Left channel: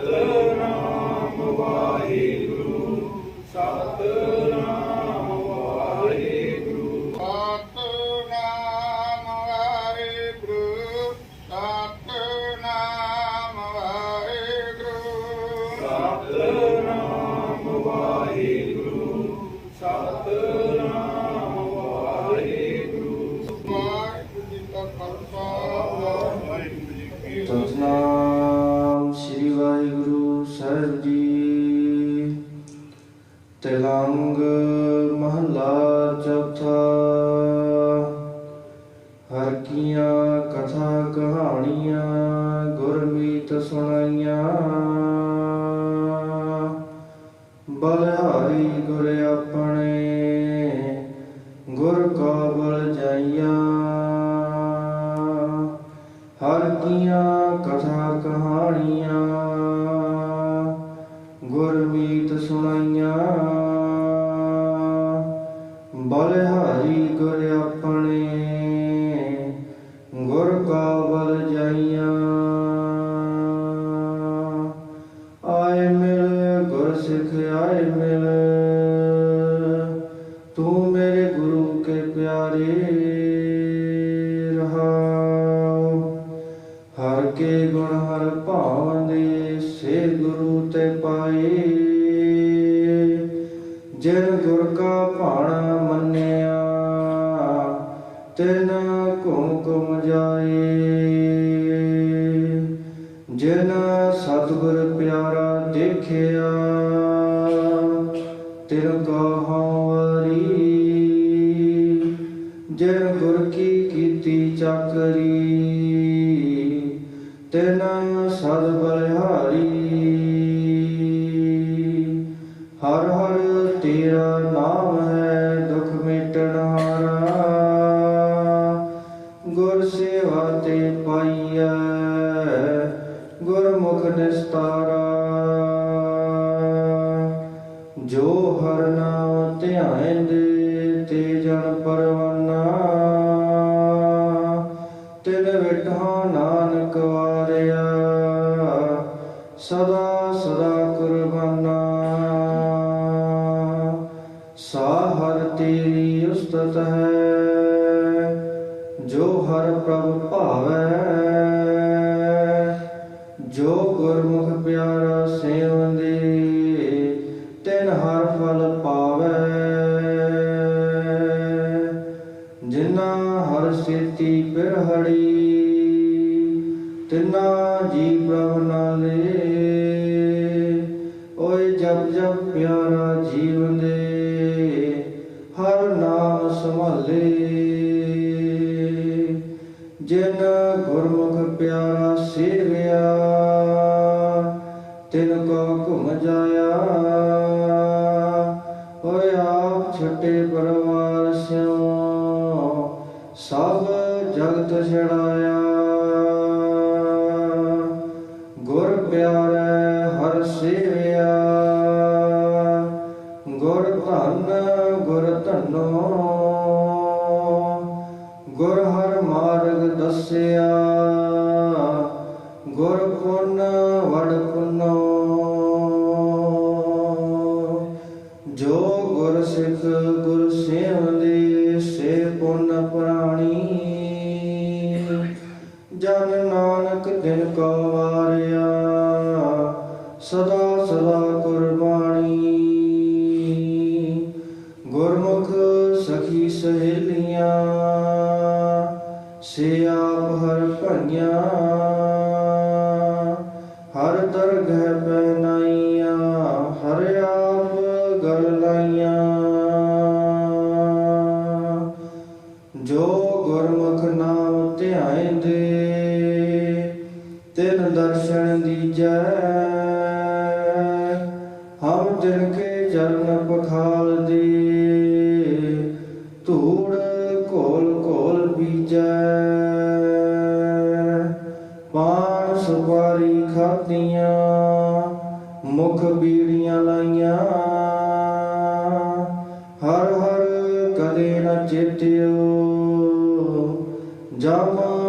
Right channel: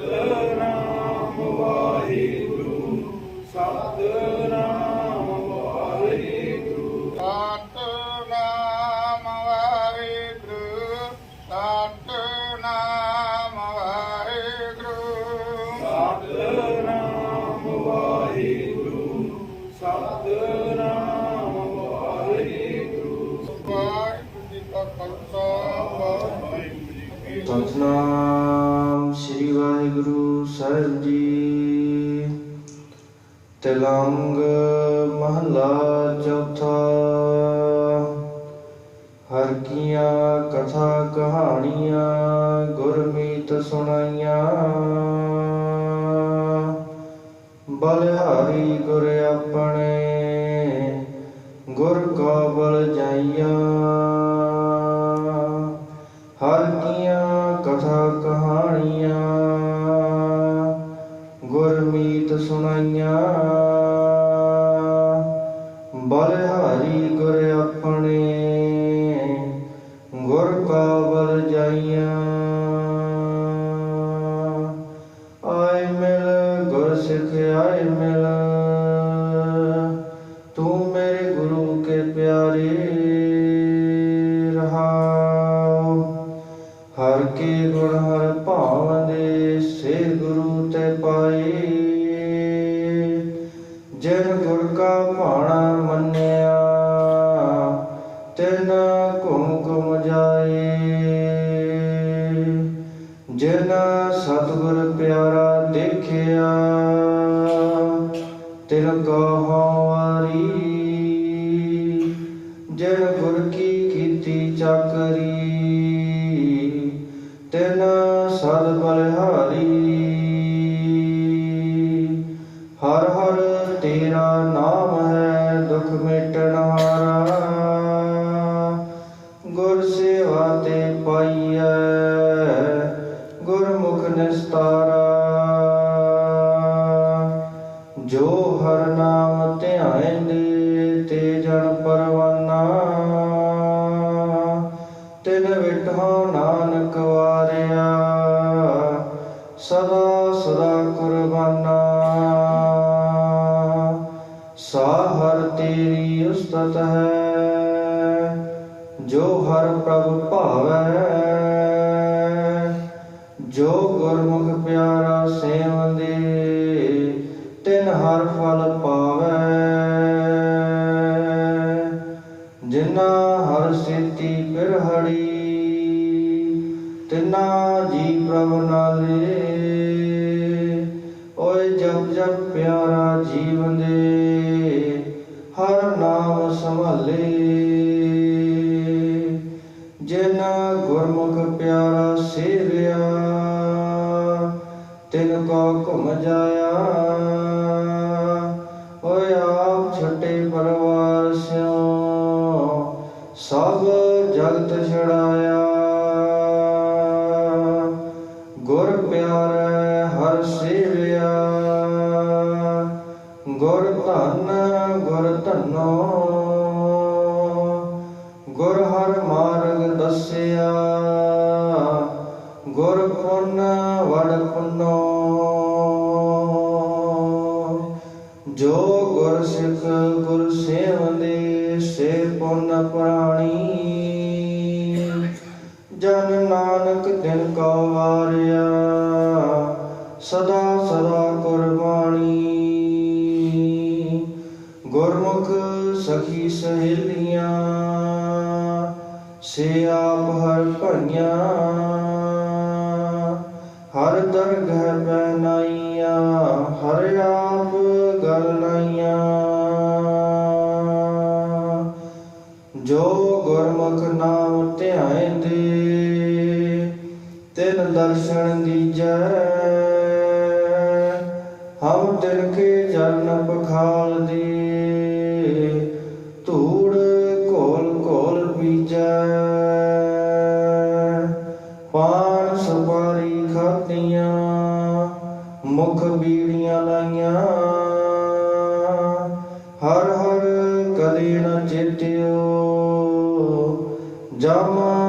Good. ਚੌਥਾ। ਹਰ ਕੀਆਂ ਕਥਾ ਕਹਾਣੀਆਂ ਗੁਰਮੀਤ ਸੁਣਾਈਆਂ। ਬਲ ਪਾਈ ਜਿਨ ਭਾਣਾ ਮੰਨਿਆ ਤਿਨ ਘੁਮ ਜਾਏ। ਜਿਨ ਸਤਿਗੁਰ ਪਿਆਰਾ ਦੇਖਿਆ ਤਿਨ ਕਾ ਜੀਵਨ ਦੇ ਹਰ ਨਾਮ ਸੰਭਾਲੇ। ਜਿਨ ਗੁਰਮੁਖ ਪਿਆਰਾ ਸੇਵਿਆ, ਤਿਨ ਕੋ ਘੁਮ ਜਾਇਆ। ਹੋਇ ਆਪ ਛੱਟੇ ਪਰਵਾਰ ਸਿਉ, ਸਭ ਸਦਾ ਸਦਾ ਕਰਮਾਣੀ 你知道吗？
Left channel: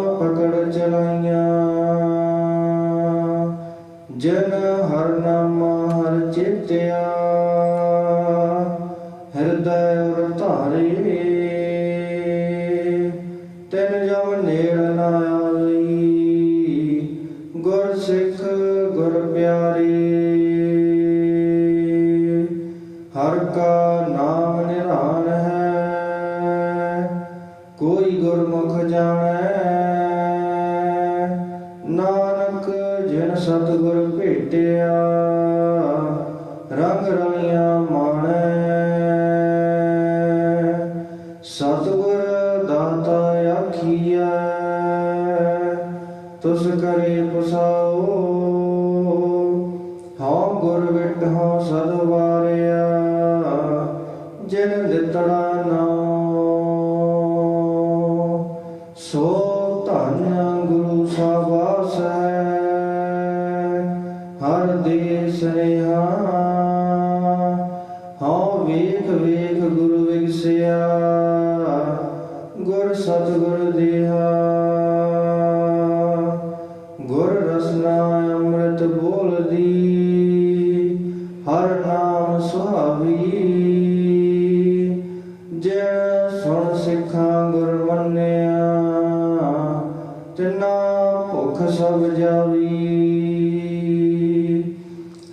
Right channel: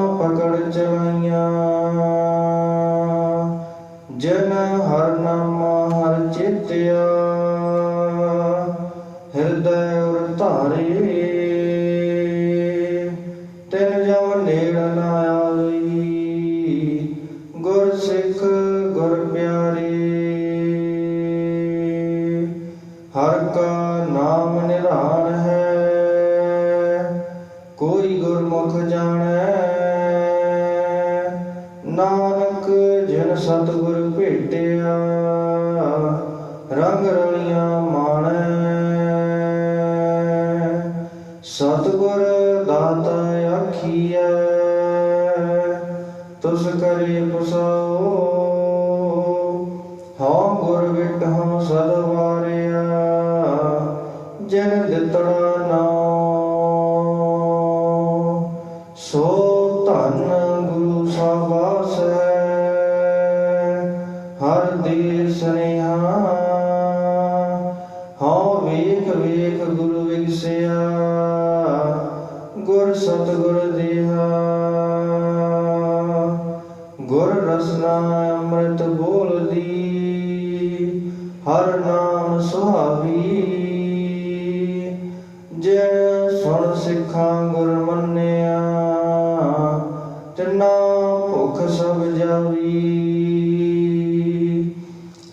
ਦੁਖ ਸਭ ਜਾਵੀ।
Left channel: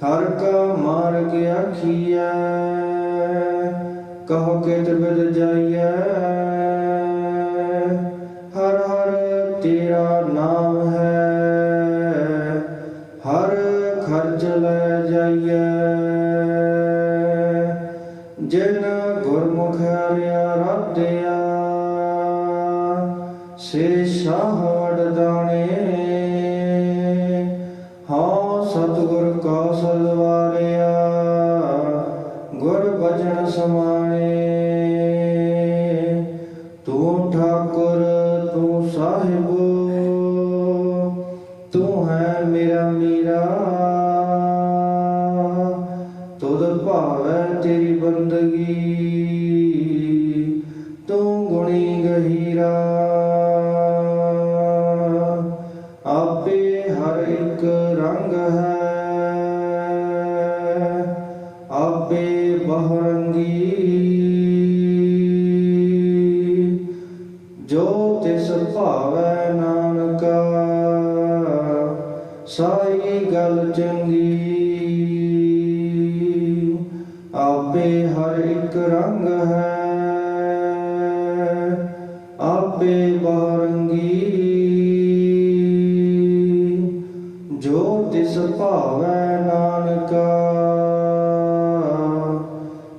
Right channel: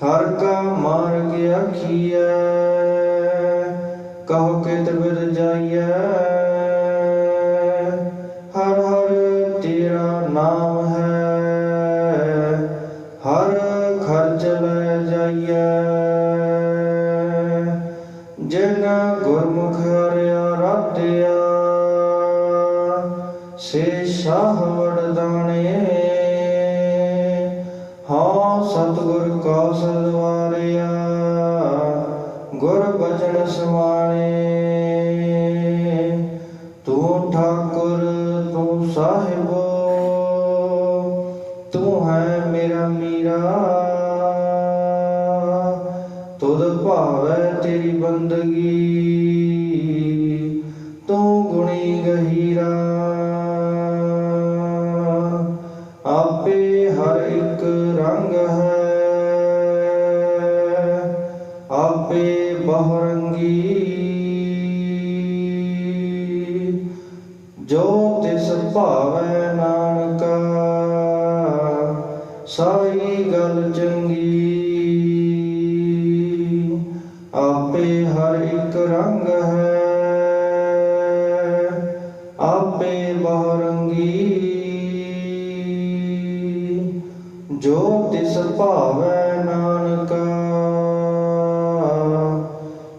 ਹਰ ਕਾ ਮਾਰਗ ਅਖੀਐ ਕਹੋ ਕੇ ਤਬਿਰ ਜਾਏ ਤਿਸ ਭਾਵੈ ਨਾਨਕਾ, ਸਾਈ ਗੱਲ ਚੰਗੀ। ਆਪੇ ਹਰ ਇੱਕ ਰੰਗ ਹੈ, ਆਪੇ ਬਹਰੰਗੀ ਜੋ ਤਿਸ ਭਾਵੈ ਨਾਨਕਾ,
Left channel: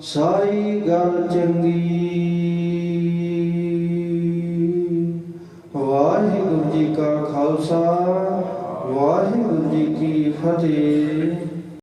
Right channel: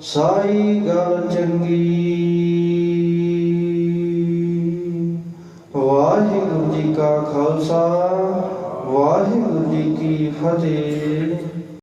ਸਾਈ ਗੱਲ